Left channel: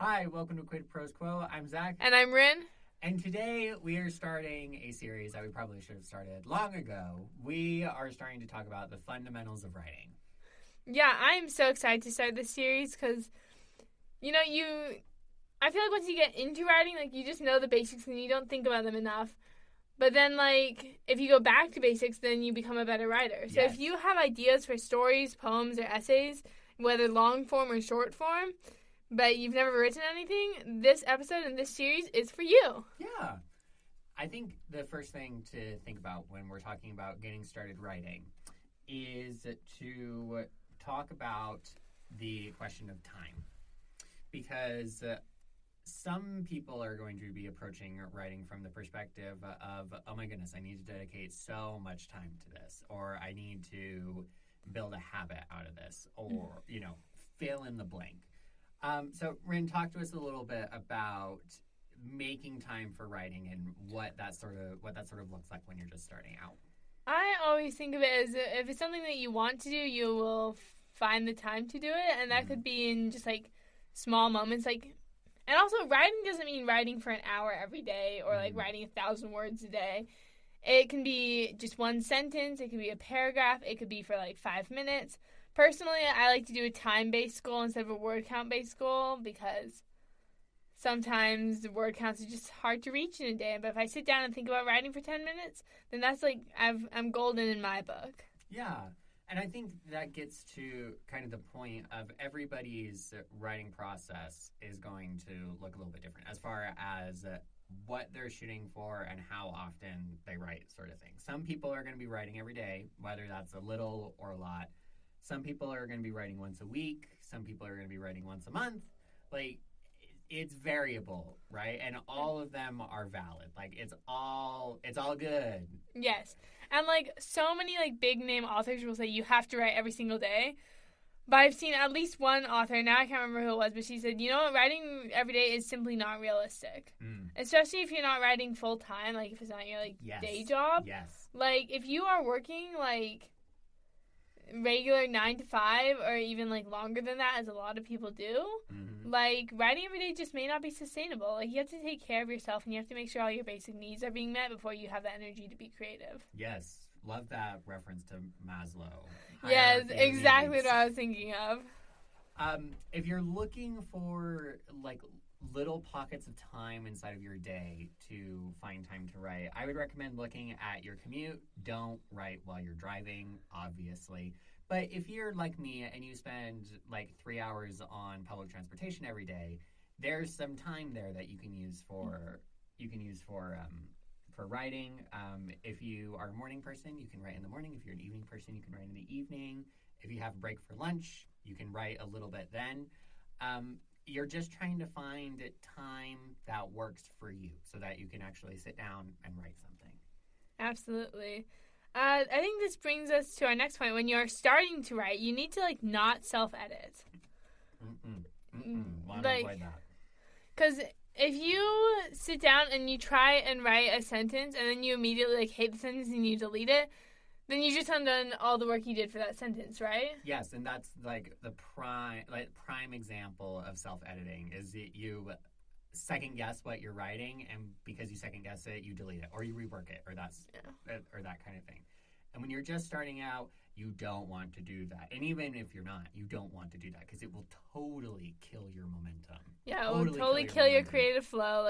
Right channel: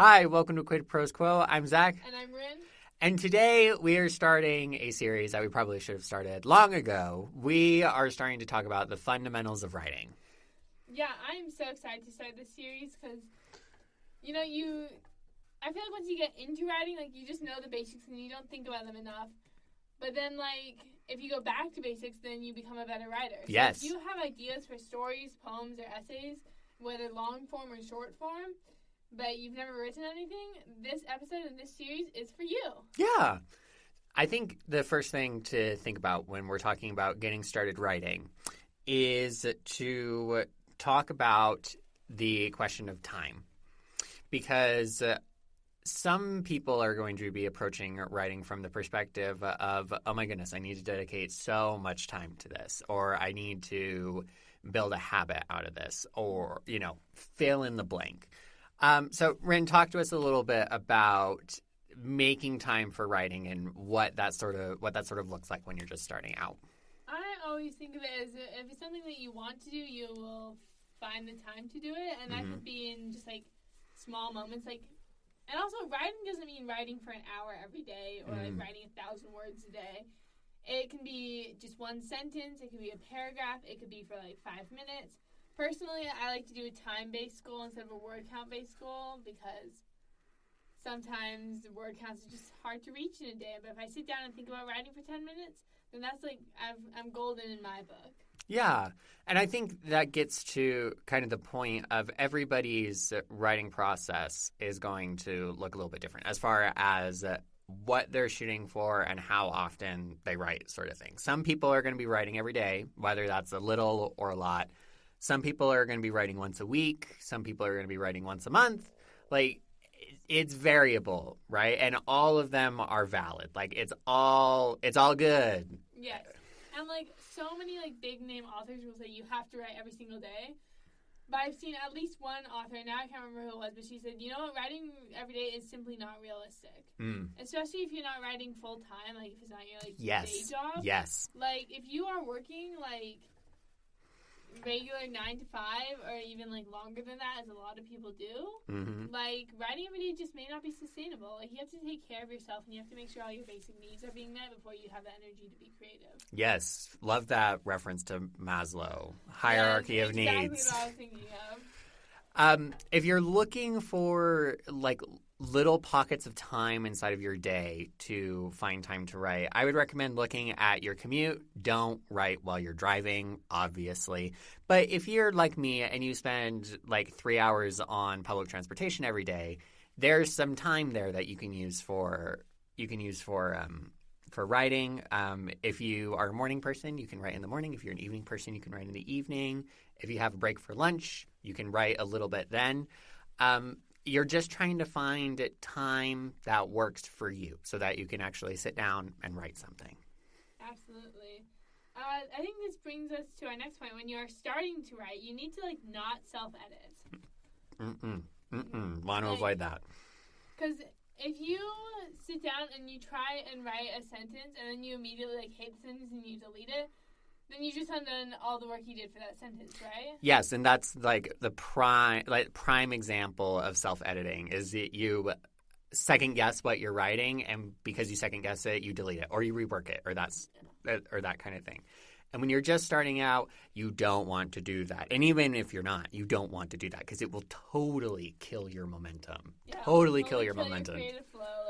Hi, welcome to Quid Pros Quo. I'm Zach. And I'm Rin. And today we are starting a series that we probably should have started long ago. We are starting to talk about the fundamentals of writing. Yeah, I'm so excited to start this series because, I feel like once you get into writing, you just know the basics and you don't think about them enough. But then, if you go back to basics, then you become a better writer. So Yes. if you have ideas for stories, poems, or essays, whether long form or short form, but you've never written anything, this episode and this series is for you. Yeah. I think the first thing to think about when we're talking about getting started writing is to talk about the question of time. Because some people are going to be approaching writing from the perspective of, oh my goodness, I need to dedicate so much time to this, or I need to build a habit out of this, or, fill in the blank. So, Rin, talk to us a little bit about making time for writing and what that sort of looks like when you're just starting out. I always think of it as if it's something that you want to do, you will find the time to do it, and that could be in just small moments, and also writing doesn't mean writing for an hour every day or writing 1,000 words a day. It can be just one sentence, it could be a paragraph, it could be for 5 minutes. Personally, I like to do a time-based goal instead of a word count-based goal because sometimes the word counts are just hard to reach in a day. But if I sit down and think about writing for 10 minutes, then that's I'm golden in my book. Yeah. And I think that gets to kind of the point of everybody's writing process is going to look a little bit different as far as what they're shooting for and how often they write, sort of thing. Some people are going to be writing every day, whether that's a little or a lot. Some people are going to be writing once a week. Some people are going to be writing once a month. It's variable, right? And all of them are valid. It's all good. Yes. And so many big name authors will say you have to write every single day. But I've seen at least one author, now I can't remember who it was, but she said, writing every day is simply not realistic. Especially if you're not writing full time, if it's not your day job. Yes. If you are working regular 9 to 5 or even longer than that, as a lot of people do, writing every day just may not be sustainable. You have to take care of yourself and you have to make sure all your basic needs are being met before you have the energy to be creative. Yes, love that reference to Maslow, hierarchy of needs. Exactly what I was thinking of. If you're looking for little pockets of time inside of your day to find time to write, I would recommend looking at your commute. Don't write while you're driving, obviously. But if you're like me and you spend 3 hours on public transportation every day, there's some time there that you can use for writing. If you are a morning person, you can write in the morning. If you're an evening person, you can write in the evening. If you have a break for lunch, you can write a little bit then. You're just trying to find time that works for you so that you can actually sit down and write something. Absolutely. I think this brings us to our next point. When you're starting to write, you need to not self-edit. Want to avoid that. Because if you sit down and you try and write a sentence and then you immediately hate the sentence and you delete it, then you just undone all the work you did for that sentence, right? Yes, and that's the prime example of self-editing is that you second guess what you're writing, and because you second guess it, you delete it or you rework it, or that kind of thing. And when you're just starting out, you don't want to do that. And even if you're not, you don't want to do that because it will totally kill your momentum. Yeah, totally kill your momentum. Your creative flow.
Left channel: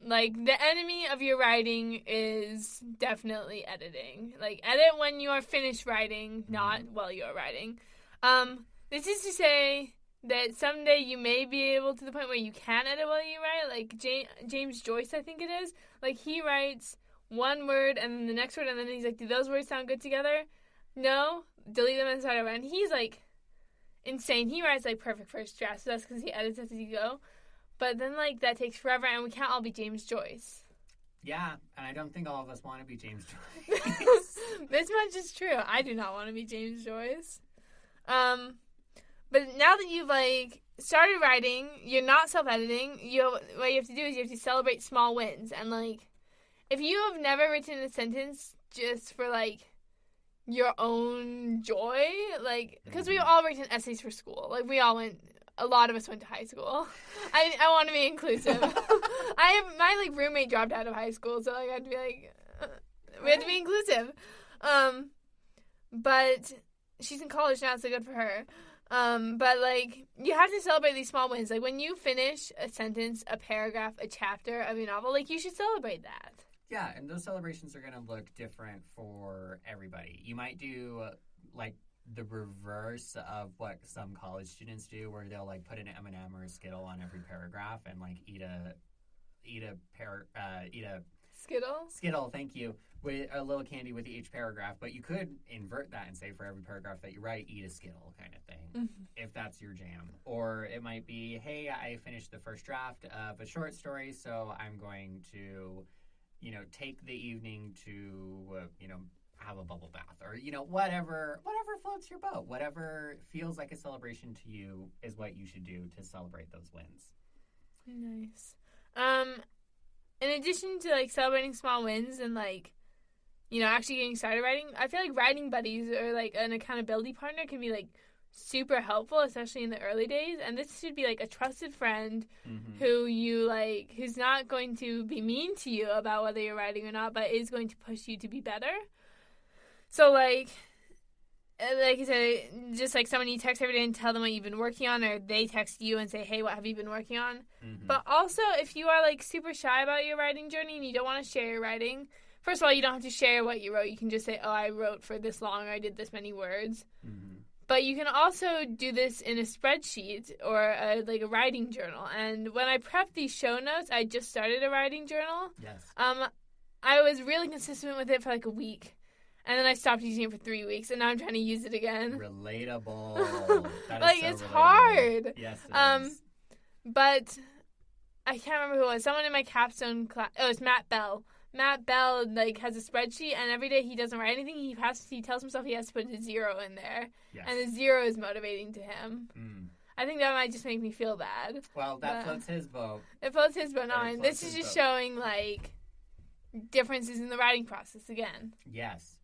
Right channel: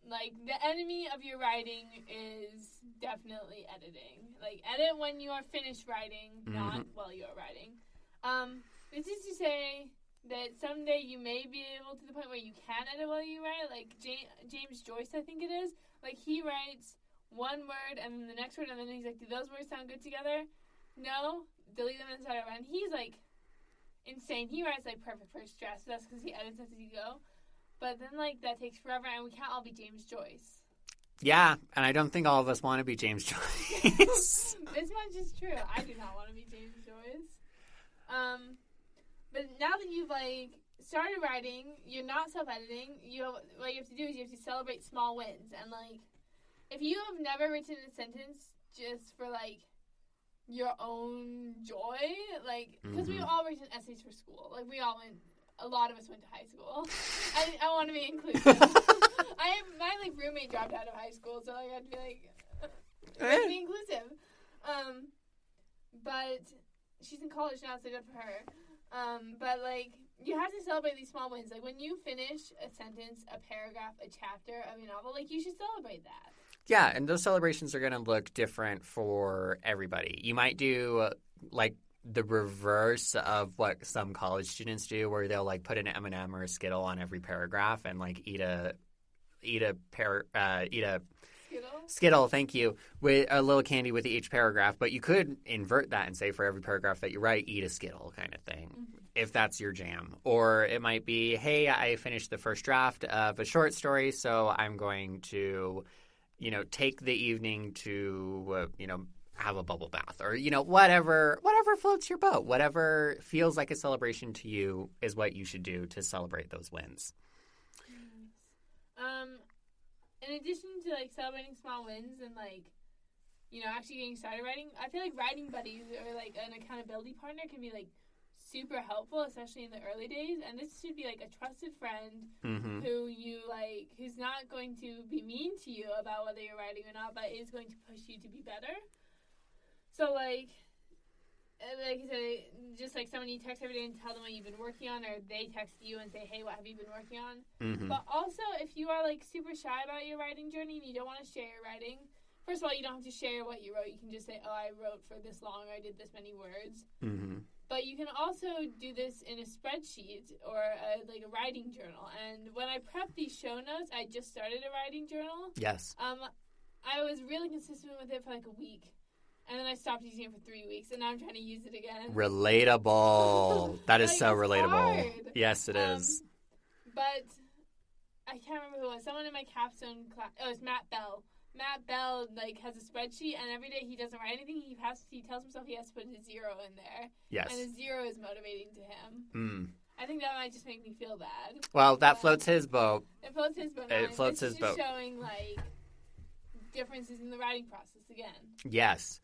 The enemy of your writing is definitely editing. Edit when you are finished writing, not while you are writing. This is to say that someday you may be able to the point where you can edit while you write. James Joyce, I think it is. He writes one word and then the next word, and then he's do those words sound good together? No? Delete them and start over. And he's, insane. He writes, perfect first drafts, so that's because he edits as you go. But then, that takes forever, and we can't all be James Joyce. Yeah, and I don't think all of us want to be James Joyce. This much is true. I do not want to be James Joyce. But now that you've, started writing, you're not self-editing, what you have to do is you have to celebrate small wins. And, if you have never written a sentence just for, your own joy, because we all written essays for school. We all went a lot of us went to high school. I want to be inclusive. My roommate dropped out of high school, so I had to be we had to be inclusive. But she's in college now, so good for her. But you have to celebrate these small wins. Like when you finish a sentence, a paragraph, a chapter of your novel, you should celebrate that. Yeah, and those celebrations are going to look different for everybody. You might do the reverse of what some college students do, where they'll put an M&M or a Skittle on every paragraph and eat a Skittle, thank you, with a little candy with each paragraph. But you could invert that and say for every paragraph that you write, eat a Skittle kind of thing, if that's your jam. Or it might be, hey, I finished the first draft of a short story, so I'm going to, take the evening to, have a bubble bath, or whatever floats your boat, whatever feels like a celebration to you is what you should do to celebrate those wins. Nice. In addition to celebrating small wins and actually getting started writing, I feel like writing buddies or an accountability partner can be super helpful, especially in the early days. And this should be a trusted friend who you who's not going to be mean to you about whether you're writing or not, but is going to push you to be better. So, like you said, just someone you text every day and tell them what you've been working on, or they text you and say, hey, what have you been working on? But also, if you are, super shy about your writing journey and you don't want to share your writing, first of all, you don't have to share what you wrote. You can just say, oh, I wrote for this long, or I did this many words. But you can also do this in a spreadsheet or a writing journal. And when I prepped these show notes, I just started a writing journal. Yes. I was really consistent with it for a week. And then I stopped using it for 3 weeks, and now I'm trying to use it again. Relatable. That is so it's relatable. Hard. Yes, it is. But I can't remember who it was. Someone in my capstone class. Oh, it's Matt Bell. Matt Bell has a spreadsheet, and every day he doesn't write anything. He tells himself he has to put a 0 in there. Yes. And a 0 is motivating to him. I think that might just make me feel bad. Well, that floats his boat. It floats his boat. No, this is just showing differences in the writing process again. Yes.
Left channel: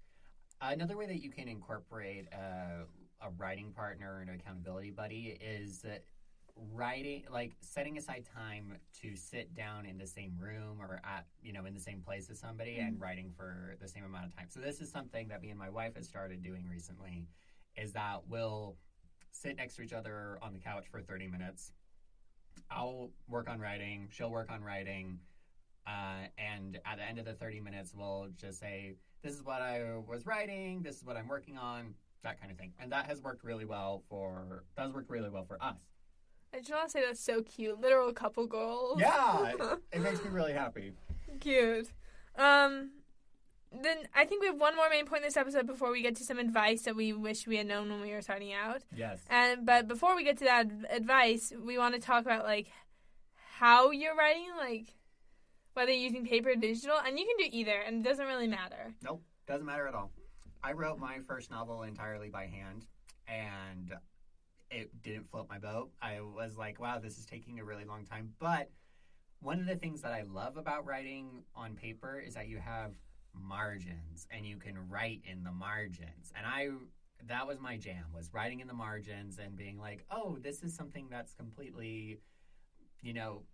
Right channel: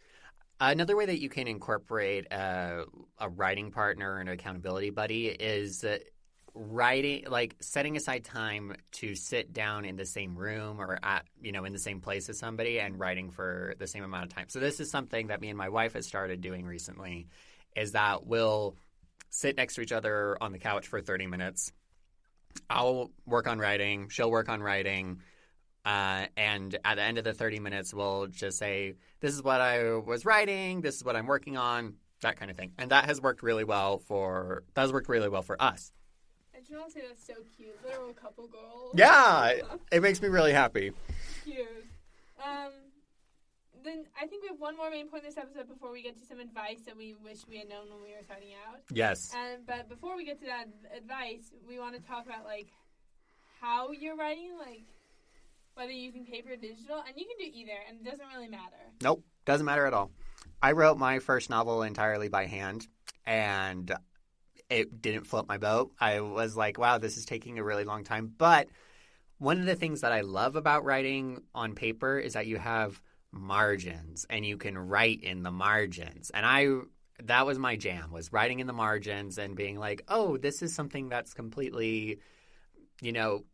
Another way that you can incorporate a writing partner and an accountability buddy is writing, setting aside time to sit down in the same room or in the same place as somebody and writing for the same amount of time. So this is something that me and my wife have started doing recently, is that we'll sit next to each other on the couch for 30 minutes. I'll work on writing. She'll work on writing. And at the end of the 30 minutes, we'll just say, this is what I was writing, this is what I'm working on, that kind of thing. And that has worked really well for us. I just want to say that's so cute. Literal couple goals. Yeah, it makes me really happy. Cute. Then I think we have one more main point in this episode before we get to some advice that we wish we had known when we were starting out. Yes. But before we get to that advice, we want to talk about how you're writing, whether you're using paper or digital, and you can do either, and it doesn't really matter. Nope, doesn't matter at all. I wrote my first novel entirely by hand, and it didn't float my boat. I was like, wow, this is taking a really long time. But one of the things that I love about writing on paper is that you have margins, and you can write in the margins. And that was my jam, was writing in the margins and being like, oh, this is something that's completely...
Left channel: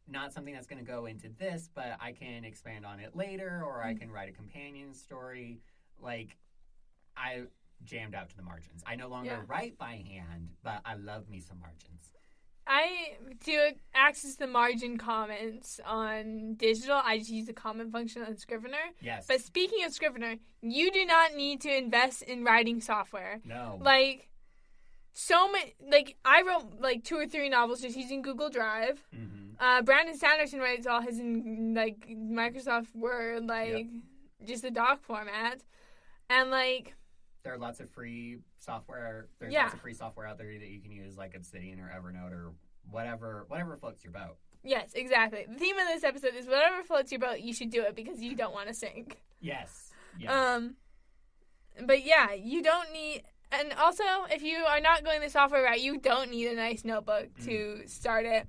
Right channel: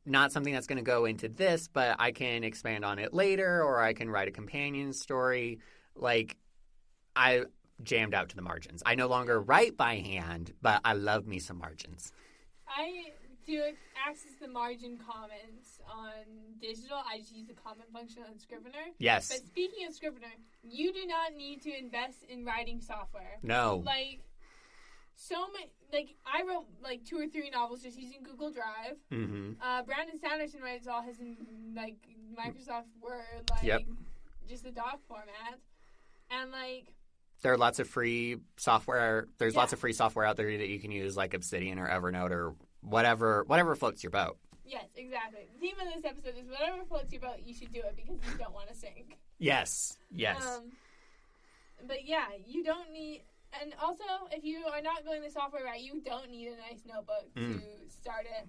not something that's going to go into this, but I can expand on it later, or I can write a companion story. I jammed out to the margins. I no longer write by hand, but I love me some margins. I do access the margin comments on digital. I just use the comment function on Scrivener. Yes. But speaking of Scrivener, you do not need to invest in writing software. No. So many, I wrote 2 or 3 novels just using Google Drive. Brandon Sanderson writes all his in Microsoft Word, just the doc format, and there are lots of free software. There's lots of free software out there that you can use, like Obsidian or Evernote or whatever floats your boat. Yes, exactly. The theme of this episode is whatever floats your boat, you should do it because you don't want to sink. Yes. But yeah, you don't need. And also, if you are not going the software route, you don't need a nice notebook to start it.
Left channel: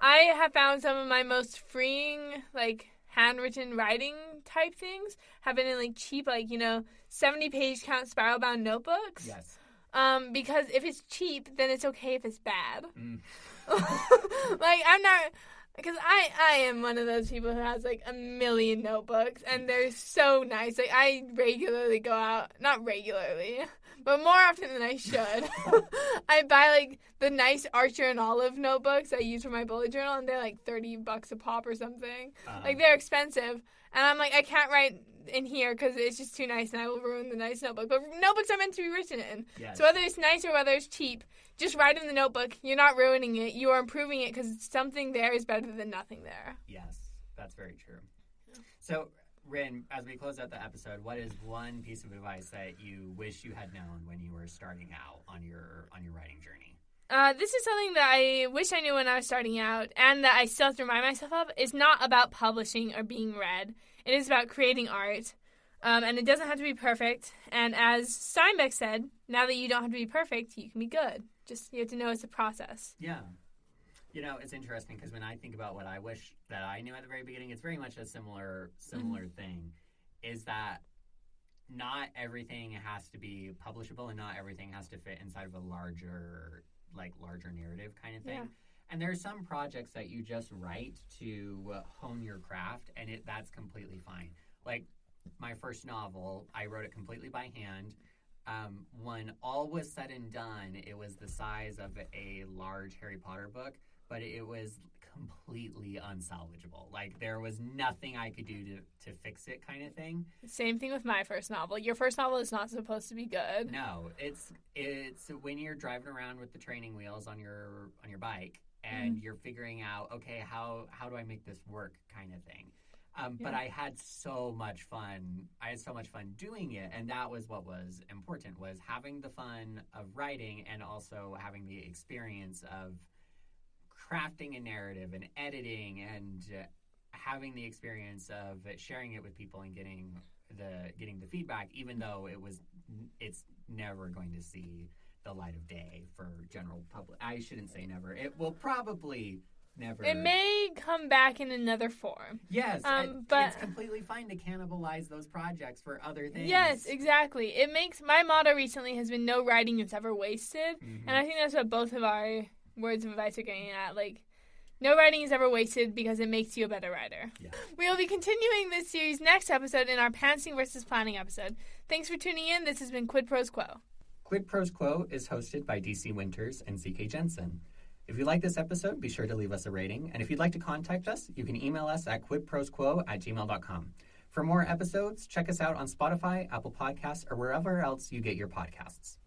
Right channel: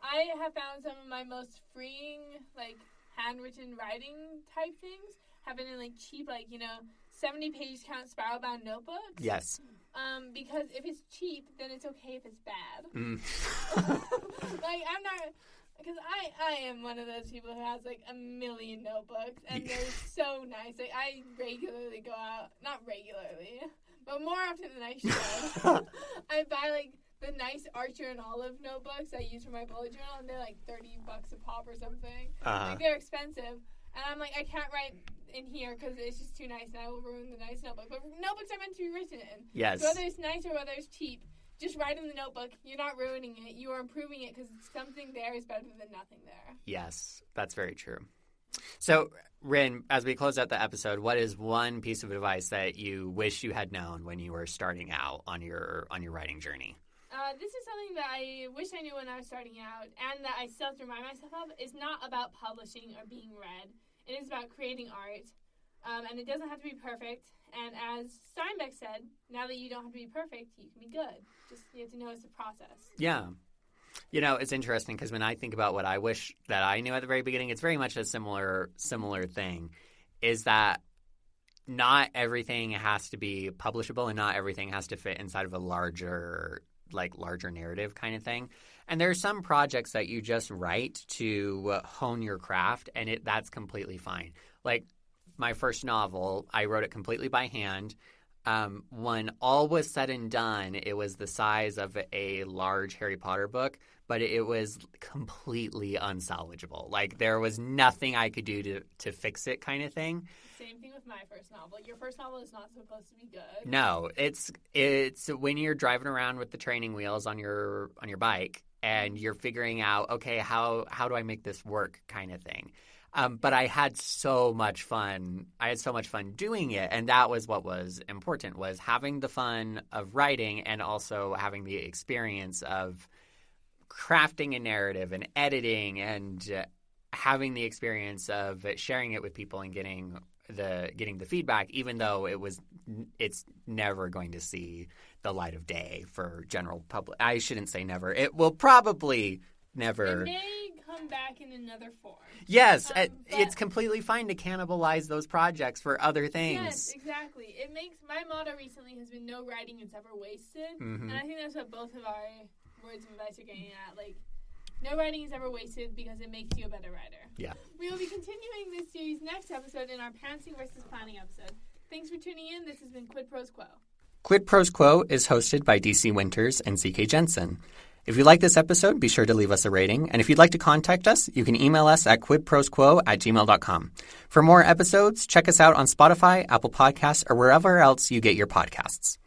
I have found some of my most freeing, handwritten writing type things have been in, cheap, 70-page count spiral-bound notebooks. Yes. Because if it's cheap, then it's okay if it's bad. Mm. Like, I'm not... Because I am one of those people who has, like, a million notebooks, and they're so nice. Like, I regularly go out... Not regularly, but more often than I should. I buy, like, the nice Archer and Olive notebooks I use for my bullet journal, and they're, like, $30 a pop or something. Like, they're expensive. And I'm like, I can't write in here because it's just too nice, and I will ruin the nice notebook. But notebooks are meant to be written in. Yes. So whether it's nice or whether it's cheap, just write in the notebook. You're not ruining it. You are improving it because something there is better than nothing there. Yes, that's very true. So, Rin, as we close out the episode, what is one piece of advice that you wish you had known when you were starting out on your writing journey? This is something that I wish I knew when I was starting out, and that I still have to remind myself of. It's not about publishing or being read. It is about creating art, and it doesn't have to be perfect. And as Steinbeck said, now that you don't have to be perfect, you can be good. Just you have to know it's a process. Yeah. You know, it's interesting because when I think about what I wish that I knew at the very beginning, it's very much a similar thing, is that not everything has to be publishable and not everything has to fit inside of a larger narrative kind of thing. Yeah. And there are some projects that you just write to hone your craft, and that's completely fine. Like my first novel, I wrote it completely by hand. When all was said and done, it was the size of a large Harry Potter book, but it was completely unsalvageable. Like there was nothing I could do to fix it kind of thing. Same thing with my first novel. Your first novel is not supposed to be good. No, it's when you're driving around with the training wheels on your bike and you're figuring out, okay, how do I make this work kind of thing. But I had so much fun. I had so much fun doing it, and that was what was important, was having the fun of writing and also having the experience of crafting a narrative and editing and having the experience of sharing it with people and getting the feedback, even though it's never going to see the light of day for general public. I shouldn't say never. It will probably never. It may come back in another form. Yes, but it's completely fine to cannibalize those projects for other things. Yes, exactly. It makes my motto recently has been no writing is ever wasted, and I think that's what both of our words of advice are getting at. Like, no writing is ever wasted because it makes you a better writer. Yeah. We will be continuing this series next episode in our pantsing versus planning episode. Thanks for tuning in. This has been Quid Pros Quo. Quid Pros Quo is hosted by DC Winters and CK Jensen. If you like this episode, be sure to leave us a rating. And if you'd like to contact us, you can email us at quidprosquo@gmail.com. For more episodes, check us out on Spotify, Apple Podcasts, or wherever else you get your podcasts.